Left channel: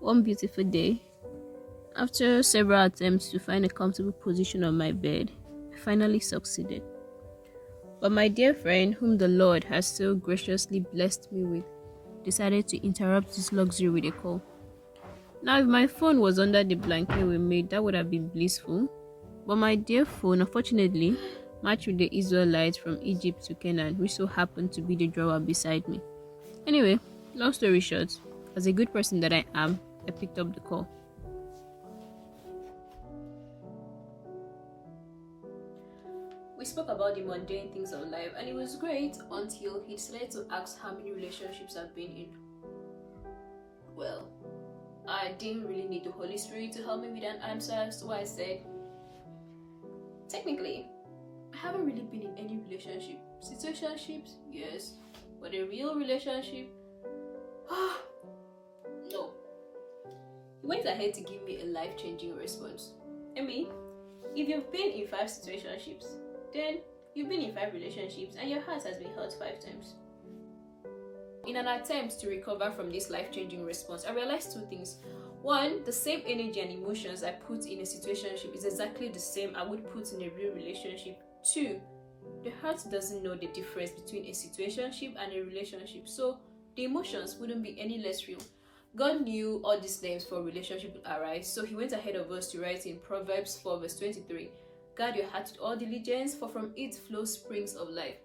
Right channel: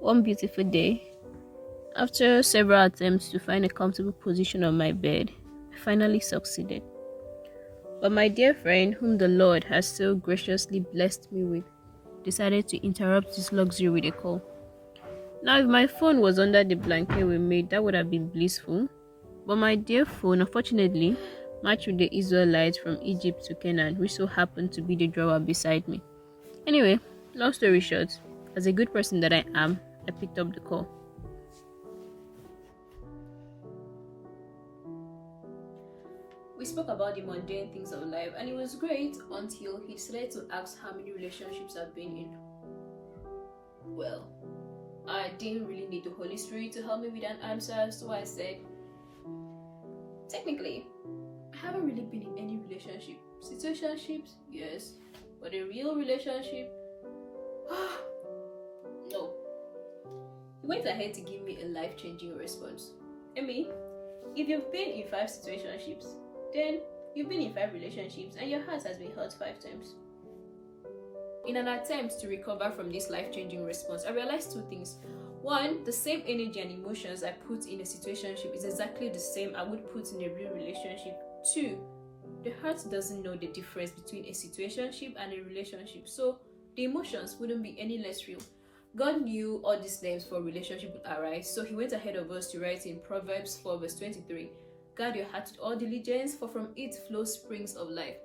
One beautiful day, after several attempts to find a comfortable position on my bed, I finally succeeded. But my dear friend, whom the Lord has so graciously blessed me with, decided to interrupt this luxury with a call. Now, if my phone was under the blanket we made, that would have been blissful. But my dear phone, unfortunately, matched with the Israelites from Egypt to Canaan, which so happened to be the drawer beside me. Anyway, long story short, as a good person that I am, I picked up the call. We spoke about the mundane things of life, and it was great until he decided to ask how many relationships I've been in. Well, I didn't really need the Holy Spirit to help me with an answer, so I said, technically, I haven't really been in any relationship. Situationships, yes, but a real relationship, no. He went ahead to give me a life-changing response. I mean, if you've been in 5 situationships, then you've been in 5 relationships and your heart has been hurt 5 times. In an attempt to recover from this life-changing response, I realized 2 things. 1, the same energy and emotions I put in a situationship is exactly the same I would put in a real relationship. 2, the heart doesn't know the difference between a situationship and a relationship, so the emotions wouldn't be any less real. God knew all these names for relationship would arise, so he went ahead of us to write in Proverbs 4 verse 23, guard your heart with all diligence, for from it flows springs of life.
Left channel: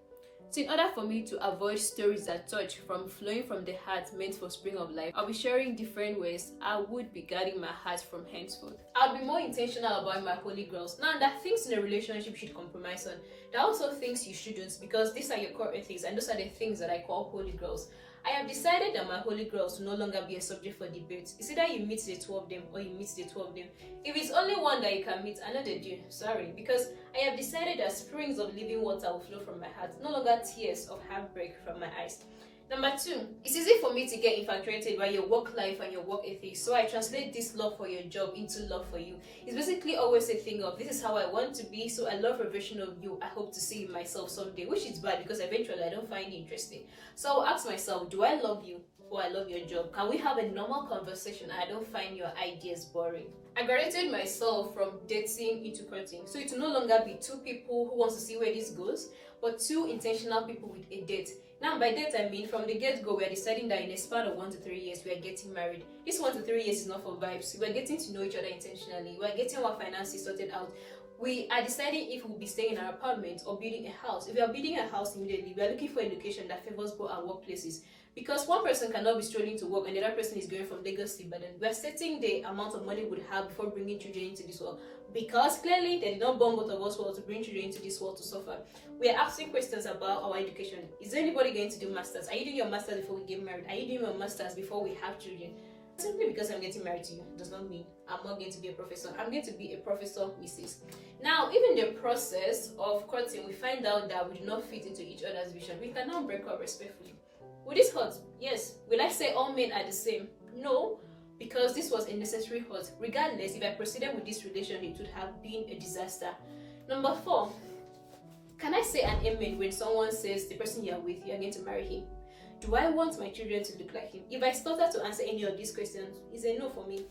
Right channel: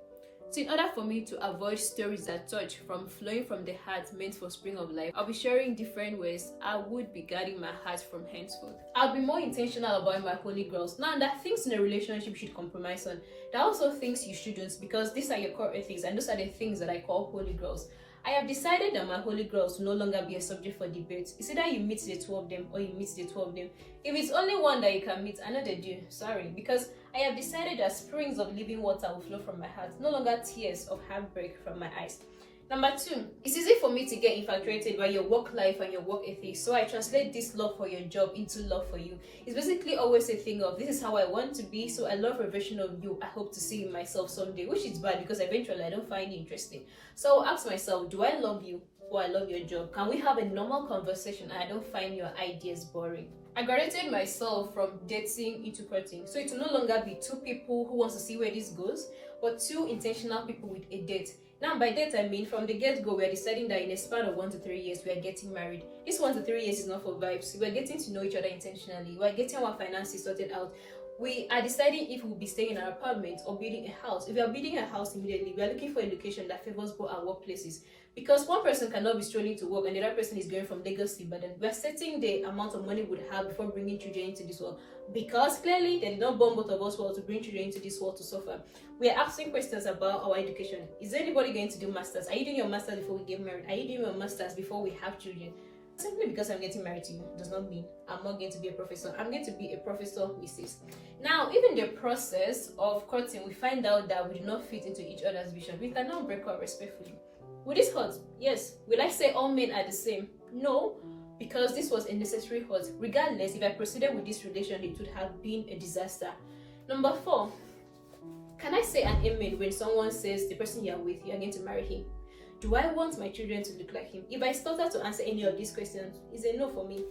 So in order for me to avoid stories that touch from flowing from the heart meant for spring of life, I'll be sharing different ways I would be guarding my heart from henceforth. I'll be more intentional about my holy grails. Now, there are things in a relationship you should compromise on. There are also things you shouldn't, because these are your core ethics and those are the things that I call holy grails. I have decided that my holy grails will no longer be a subject for debate. It's either you meet the 2 of them or you meet the 2 of them. If it's only one that you can meet, another do. Sorry, because I have decided that springs of living water will flow from my heart, no longer tears of heartbreak from my eyes. Number 2, it's easy for me to get infatuated by your work life and your work ethics, so I translate this love for your job into love for you. It's basically always a thing of, this is how I want to be, so I love a version of you I hope to see in myself someday, which is bad because eventually I don't find it interesting. So I'll ask myself, do I love you or I love your job? Can we have a normal conversation and I don't find your ideas boring? I graduated myself from dating into courting, so it will no longer be 2 people who wants to see where this goes, but 2 intentional people with a date. Now, by that I mean, from the get-go, we are deciding that in a span of 1 to 3 years, we are getting married. This 1 to 3 years is not for vibes. We are getting to know each other intentionally. We are getting our finances sorted out. We are deciding if we'll be staying in our apartment or building a house. If we are building a house immediately, we are looking for a location that favors both our workplaces. Because one person cannot be strolling to work and the other person is going from Lagos to Ibadan. We are setting the amount of money we would have before bringing children into this world. Because clearly, they did not born both of us well to bring children into this world to suffer. We are asking questions about our education. Is anybody going to do masters? Are you doing your masters before we get married? Are you doing your masters before we have children? Simply because I'm getting married to you does not mean I'm not going to be a professor. I'm going to be a professor, Mrs. Now, even the process of courting, we find out that we do not fit into each other's vision. We can now break up respectfully. Will this hurt? Yes. Will I say all men are the same? No, because this was a necessary hurt. Regardless, if I proceeded with this relationship, it would have been a disaster. Number 4, can I say an amen when someone says the person you're with, you're going to marry him? Do I want my children to look like him? If I started to answer any of these questions, it's a no for me.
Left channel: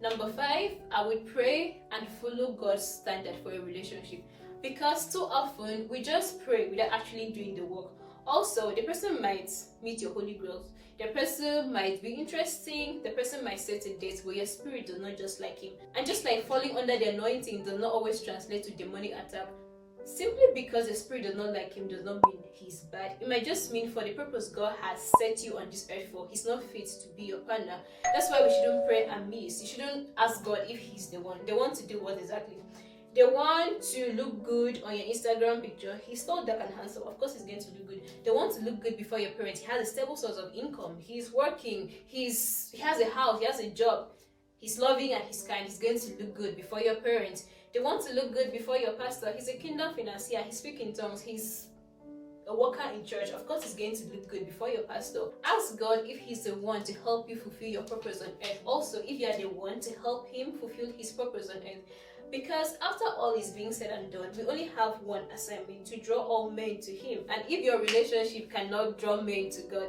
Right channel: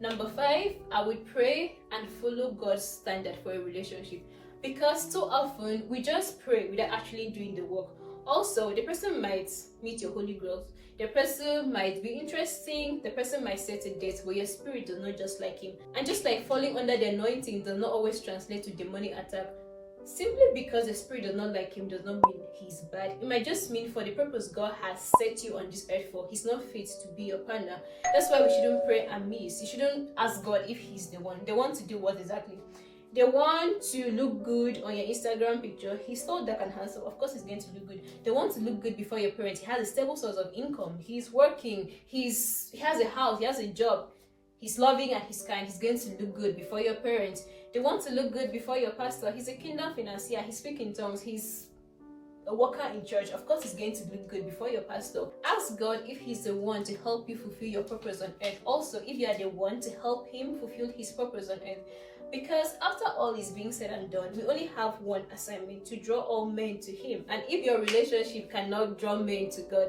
Number 5, I would pray and follow God's standard for a relationship, because too often we just pray without actually doing the work. Also, the person might meet your holy grails. The person might be interesting. The person might set a date, but your spirit does not just like him. And just like falling under the anointing does not always translate to demonic attack, simply because the spirit does not like him does not mean he's bad. It might just mean for the purpose God has set you on this earth for, he's not fit to be your partner. That's why we shouldn't pray amiss. You shouldn't ask God if he's the one. They want to do what exactly? They want to look good on your Instagram picture. He's tall, dark, and handsome. Of course, he's going to look good. They want to look good before your parents. He has a stable source of income. He's working. He has a house. He has a job. He's loving and he's kind. He's going to look good before your parents. They want to look good before your pastor. He's a kingdom financier. He speaks in tongues. He's a worker in church. Of course, he's going to look good before your pastor. Ask God if he's the one to help you fulfill your purpose on earth. Also, if you are the one to help him fulfill his purpose on earth. Because after all is being said and done, we only have one assignment: to draw all men to him. And if your relationship cannot draw men to God,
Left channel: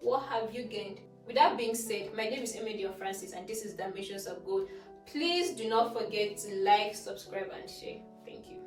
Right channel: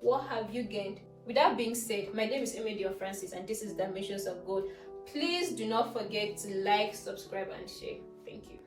what have you gained? With that being said, my name is Francis, and this is Dimensions of Gold. Please do not forget to like, subscribe, and share. Thank you.